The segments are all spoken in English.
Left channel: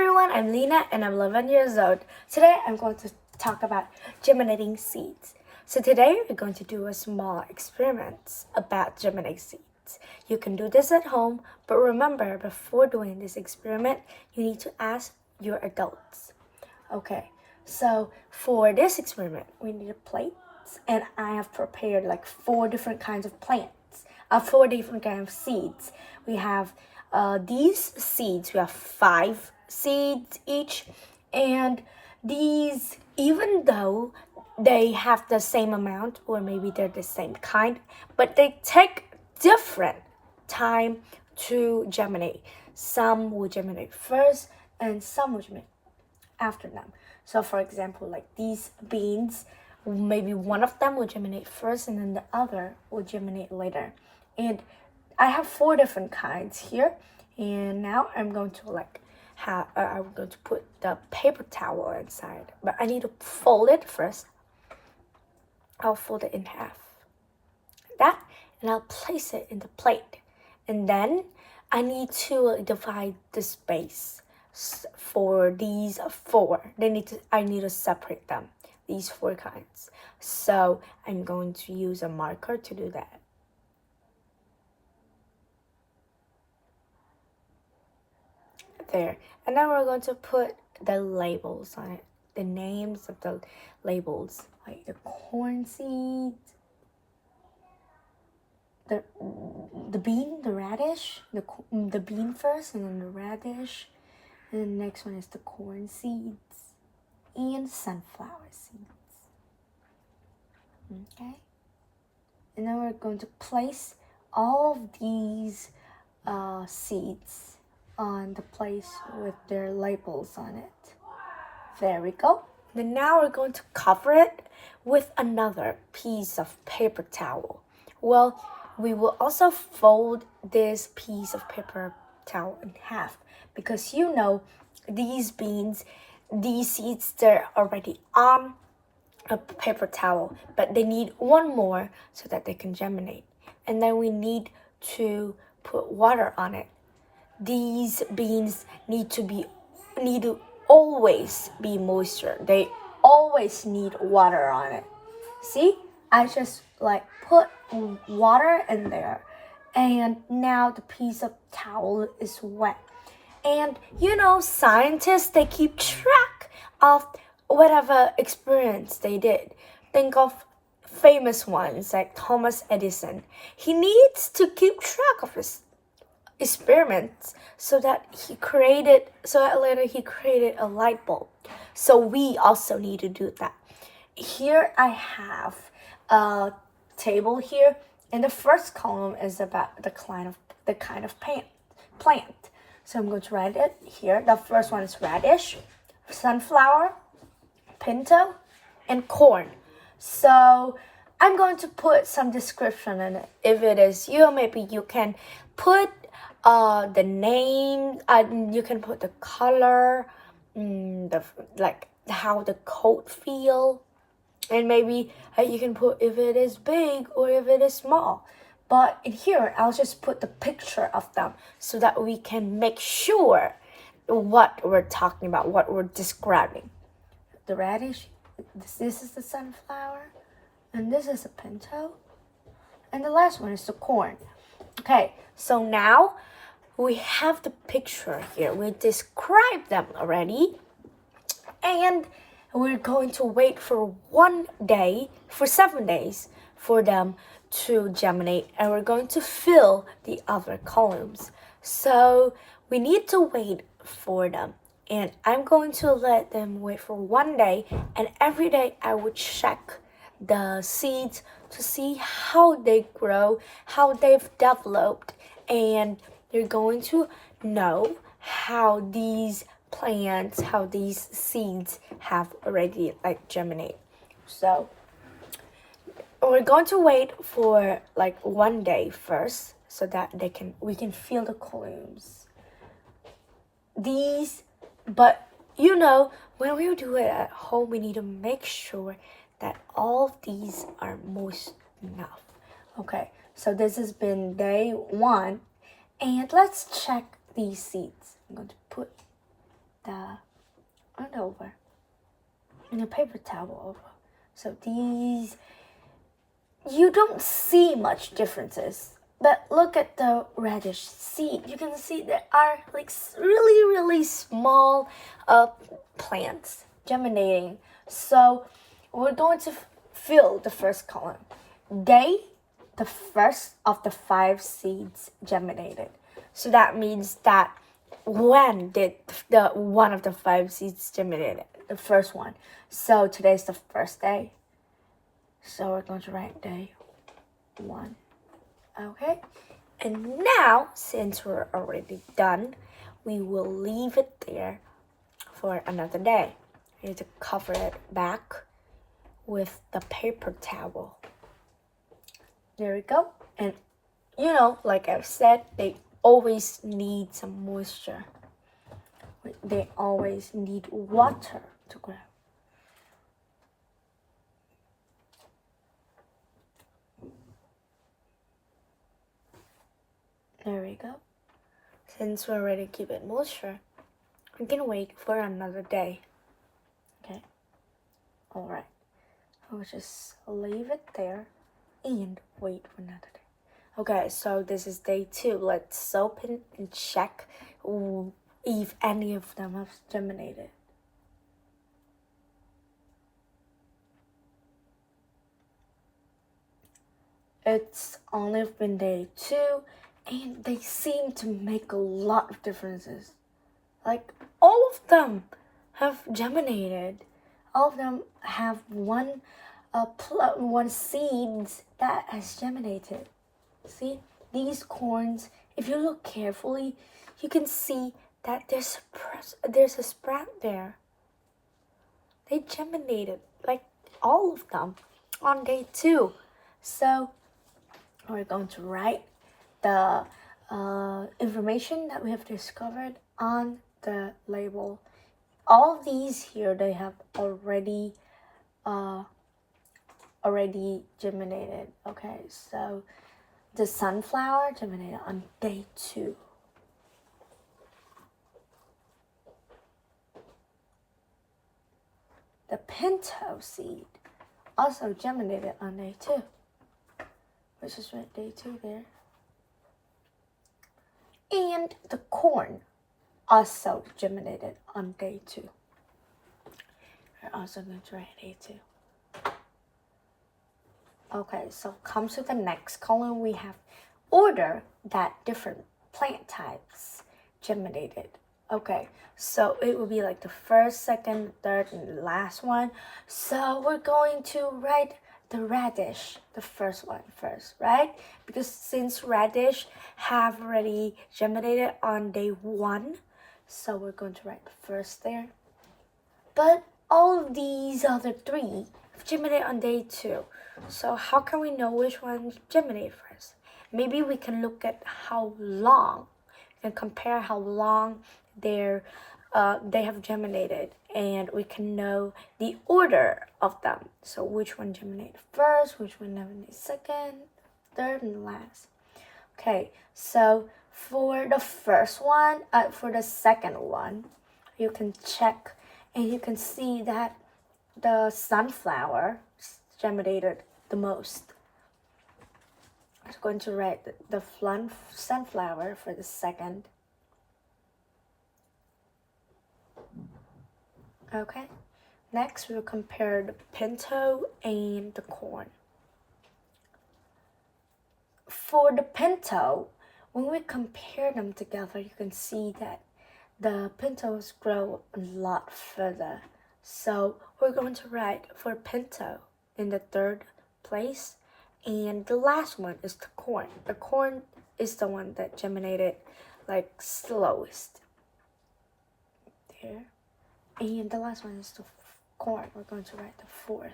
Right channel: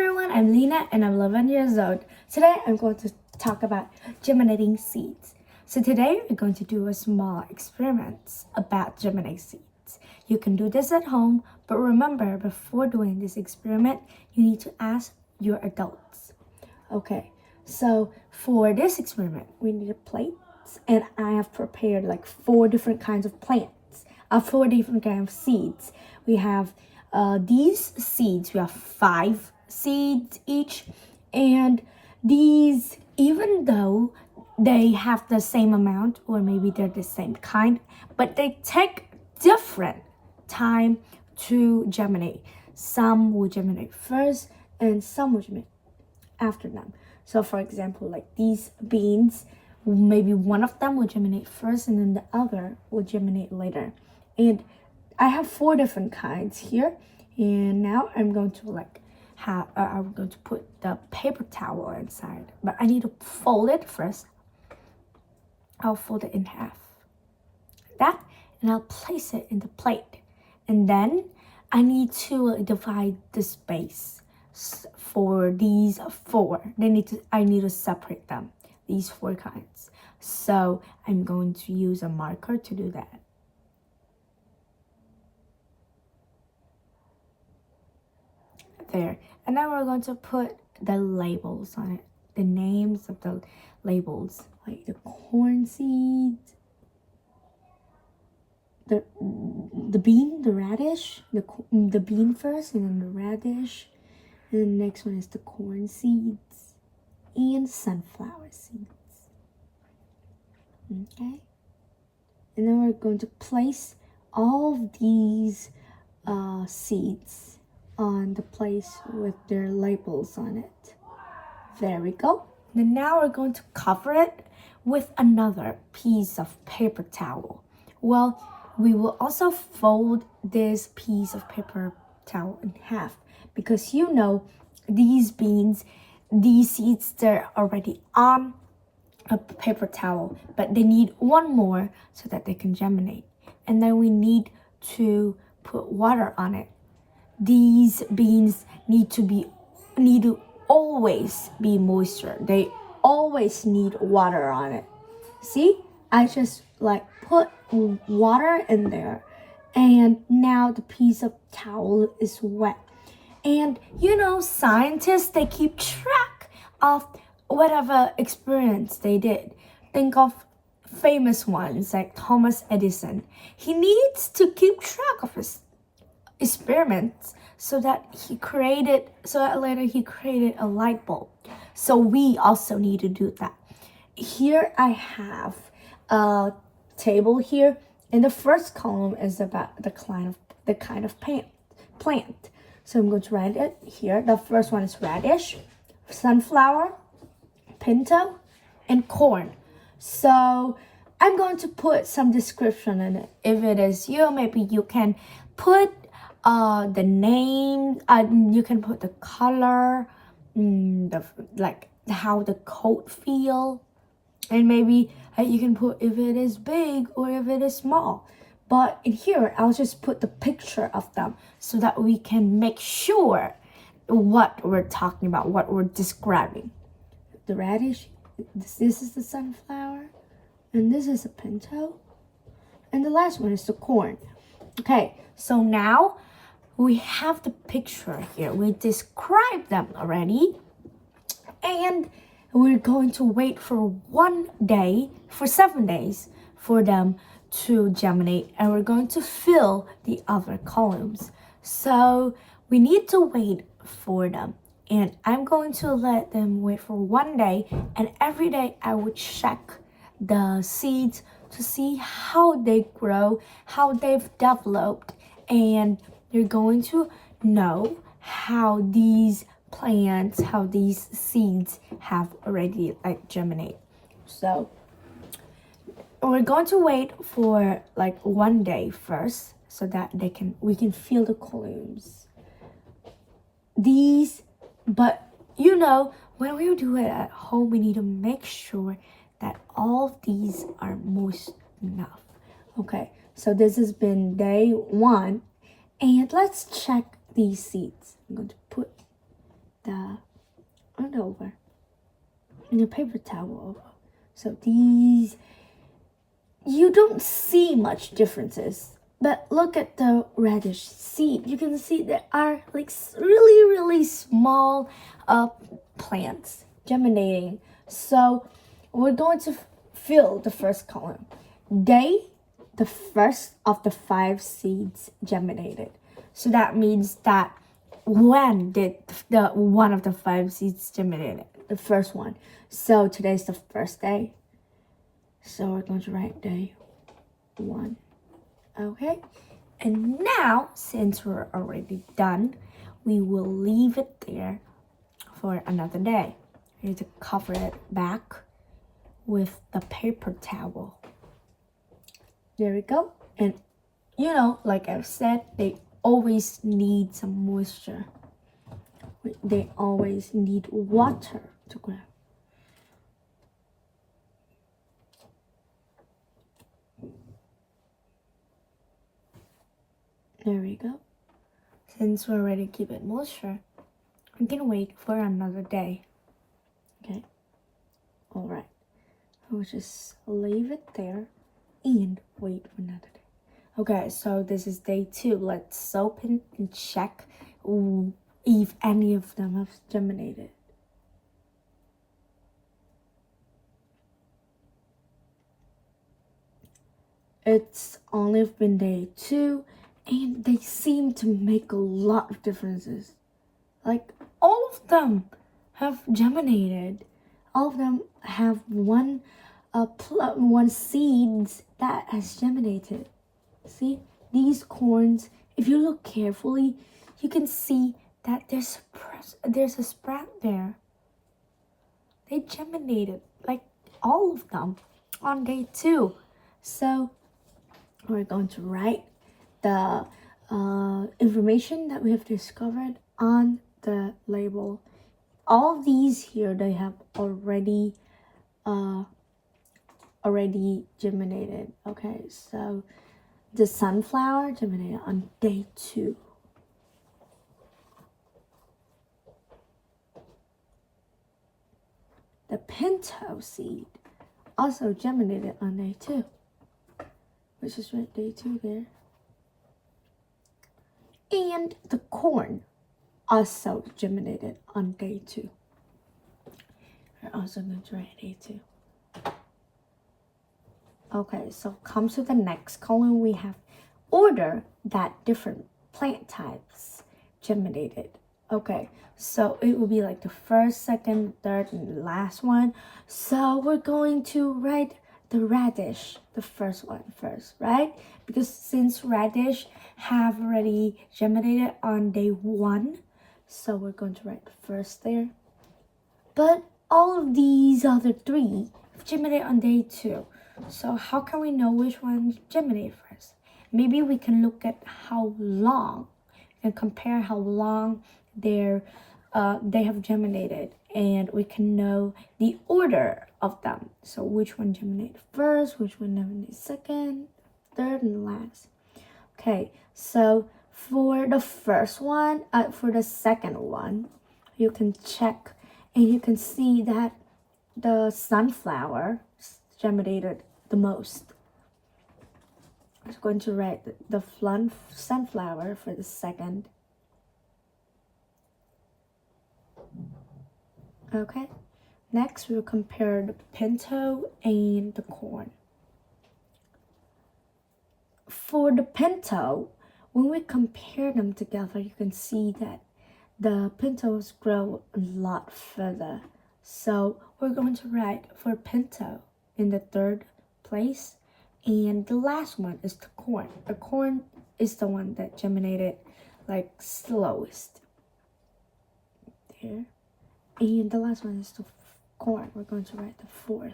everyone, I'm Lena and I'm 11 years old. Today I'm going to talk about germinating seeds. So today we're going to do a small experiment about germinating seeds. You can do this at home, but remember, before doing this experiment, you need to ask your adults. Okay, so for this experiment, we need a plate, and I have prepared like 4 different kinds of plants, 4 different kinds of seeds. We have these seeds, we have 5 seeds each, and these, even though they have the same amount or maybe they're the same kind, but they take different time to germinate. Some will germinate first and some will germinate after them. So for example, like these beans, maybe one of them will germinate first and then the other will germinate later. And I have 4 different kinds here, and now I'm going to I'm going to put the paper towel inside, but I need to fold it first. I'll fold it in half, that, and I'll place it in the plate, and then I need to divide the space for these 4. I need to separate them, these 4 kinds. So I'm going to use a marker to do that. There, and now we're going to put the labels on it, the names of the labels, like the corn seeds, the bean, the radish, the bean first, and then the radish, and the next one is the corn seeds and sunflower seeds. Okay, and then we're going to place all of these seeds on the place with their labels on it. There we go. And now we're going to cover it with another piece of paper towel. Well, we will also fold this piece of paper towel in half, because you know these beans, these seeds, they're already on a paper towel, but they need one more so that they can germinate. And then we need to put water on it. These beans need to always be moisture. They always need water on it. See, I just put water in there, and now the piece of towel is wet. And you know, scientists, they keep track of whatever experience they did. Think of famous ones like Thomas Edison. He needs to keep track of his experiments so that later he created a light bulb. So we also need to do that. Here I have a table here, and the first column is about the kind of plant. So I'm going to write it here. The first one is radish, sunflower, pinto, and corn. So I'm going to put some description in it. If it is you, maybe you can put the name, you can put the color, how the coat feel, and maybe you can put if it is big or if it is small. But in here, I'll just put the picture of them so that we can make sure what we're talking about, what we're describing. The radish, this is the sunflower, and this is a pinto, and the last one is the corn. Okay, so now we have the picture here. We described them already. And we're going to wait for 7 days for them to germinate. And we're going to fill the other columns. So we need to wait for them. And I'm going to let them wait for 1 day. And every day I will check the seeds to see how they grow, how they've developed, and you're going to know how these plants, how these seeds have already germinate. So we're going to wait for 1 day first so that we can feel the columns. But you know, when we do it at home, we need to make sure that all of these are moist enough. Okay, so this has been day 1. And let's check these seeds. I'm going to put the and a paper towel over. So these, you don't see much differences. But look at the radish seed. You can see there are like really small plants germinating. So we're going to fill the first column. Day, the first of the 5 seeds germinated. So that means that when did the one of the 5 seeds germinated? The first one. So today's the first day. So we're going to write day 1. Okay, and now since we're already done, we will leave it there for another day. We need to cover it back with the paper towel. There we go. And you know, like I've said, they always need some moisture. They always need water to grow. There we go. Since we're ready to keep it moisture, we can wait for another day. Okay. All right. We'll just leave it there and wait for another day. Okay, so this is day 2. Let's open and check if any of them have germinated. It's only been day 2, and they seem to make a lot of differences. Like all of them have germinated. All of them have one seeds that has germinated. See, these corns, if you look carefully, you can see that there's a sprout there. They germinated, like all of them, on day 2. So we're going to write the information that we have discovered on the label. All of these here, they have already germinated. Okay, so the sunflower germinated on day 2. The pinto seed also germinated on day 2. Let's just write day 2 there. And the corn also germinated on day 2. We're also going to write day 2. Okay, so come to the next column. We have order that different plant types germinated. Okay, so it will be like the first, second, third, and the last one. So we're going to write the radish, the first one first, right? Because since radish have already germinated on day 1, so we're going to write the first there. But all of these other 3 have germinated on day 2. So how can we know which one germinated first? Maybe we can look at how long and compare how long they have germinated, and we can know the order of them. So which one germinated first, which one germinated second, third, and last. Okay, so for the first one, for the second one, you can check and you can see that the sunflower germinated the most. I'm going to write the sunflower for the second. Okay, next we'll compare the pinto and the corn. For the pinto, when we compare them together, you can see that the pintos grow a lot further. So we're going to write for pinto in the 3rd place, and the last one is the corn. The corn is the one that germinated like slowest. There. And the last one is the corn. We're going to write the 4th.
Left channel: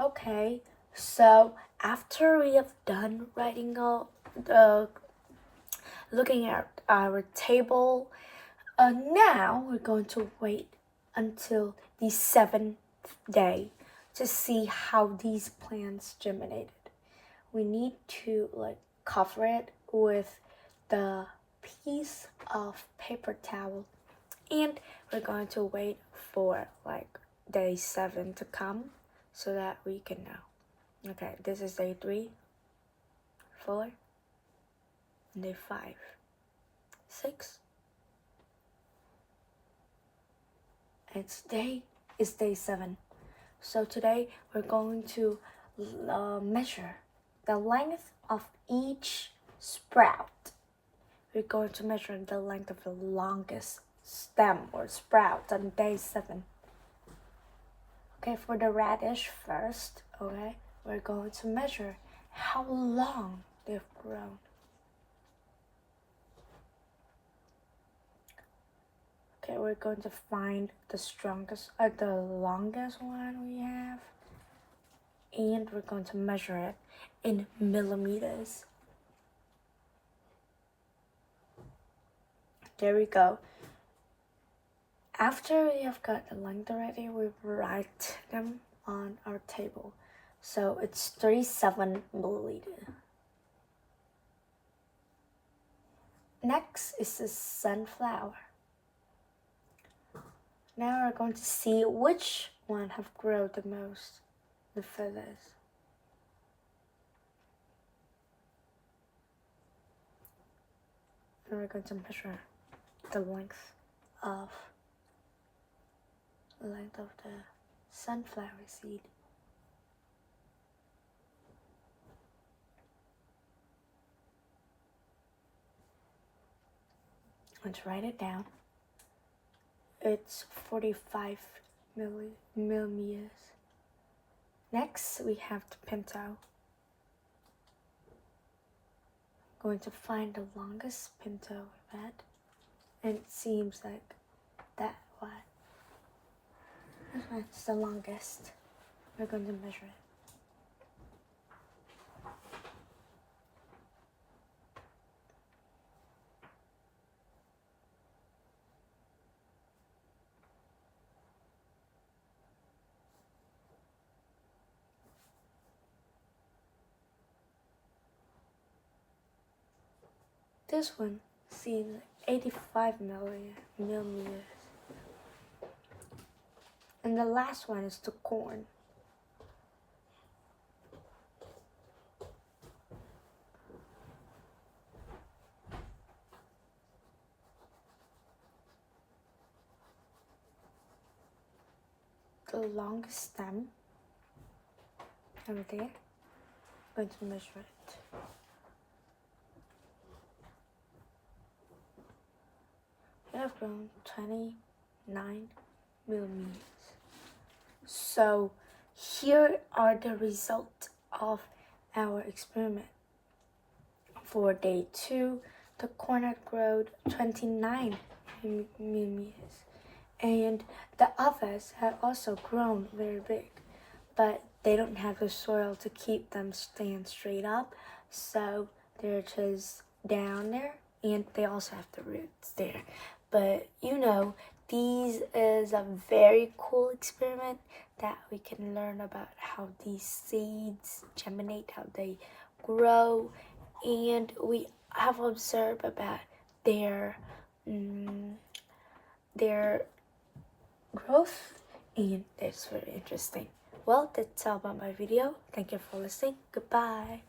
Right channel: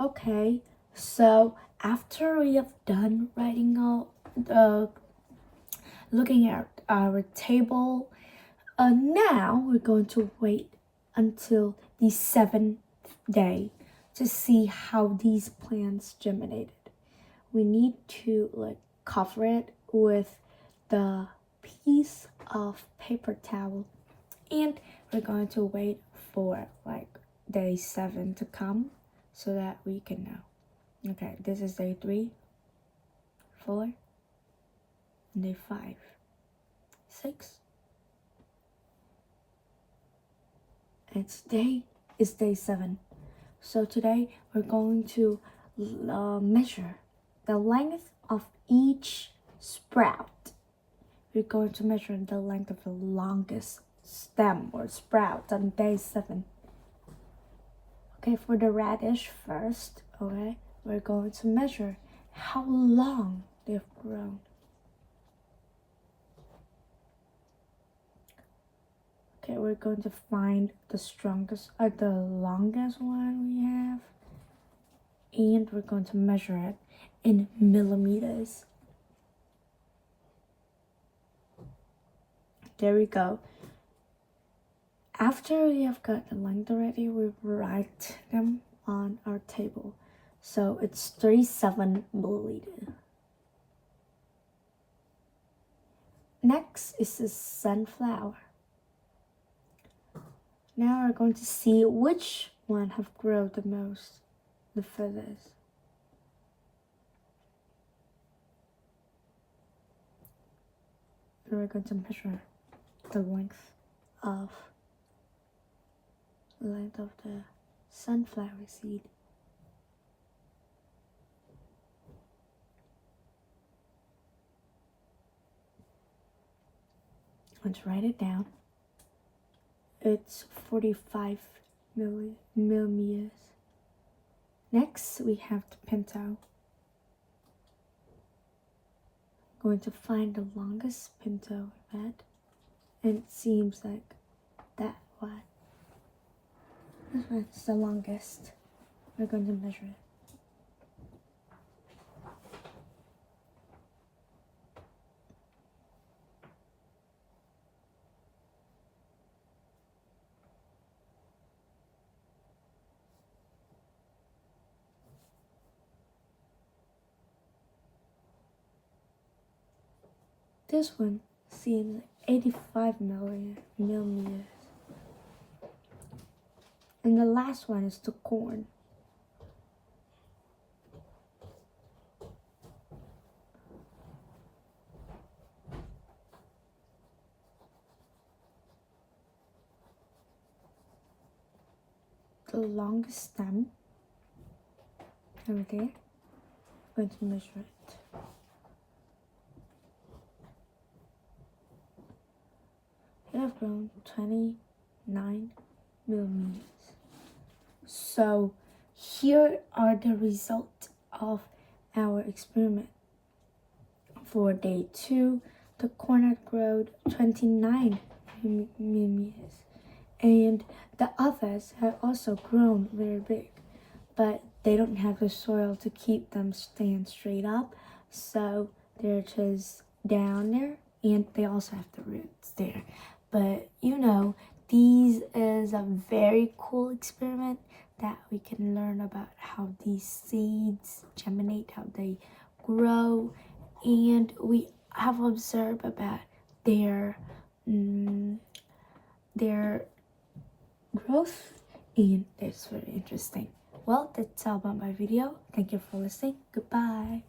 Okay, so after we have done writing looking at our table, now we're going to wait until the 7th day to see how these plants germinated. We need to like cover it with the piece of paper towel, and we're going to wait for like day 7 to come so that we can know. Okay, this is day 3, 4, and day 5, 6. And today is day 7. So today we're going to measure the length of each sprout. We're going to measure the length of the longest stem or sprout on day 7. Okay, for the radish first, okay, we're going to measure how long they've grown. Okay, we're going to find the strongest or the longest one we have, and we're going to measure it in millimeters. There we go. After we have got the length already, we write them on our table. So it's 37 milliliter. Next is the sunflower. Now we're going to see which one have grown the most, the feathers. And we're going to measure the length of the sunflower seed. Let's write it down. It's 45 millimeters. Next, we have the pinto. Going to find the longest pinto we've had, and it seems like that one. This one's the longest. We're going to measure it. This one seems 85 millimeters. And the last one is the corn. The longest stem over there. I'm going to measure it. We have grown 29 millimeters. So here are the results of our experiment. For day 2, the corn had grown 29 millimeters, and the others have also grown very big, but they don't have the soil to keep them stand straight up, so they're just down there, and they also have the roots there. But these is a very cool experiment that we can learn about how these seeds germinate, how they grow, and we have observed about their growth, and it's very interesting. Well, that's all about my video. Thank you for listening. Goodbye.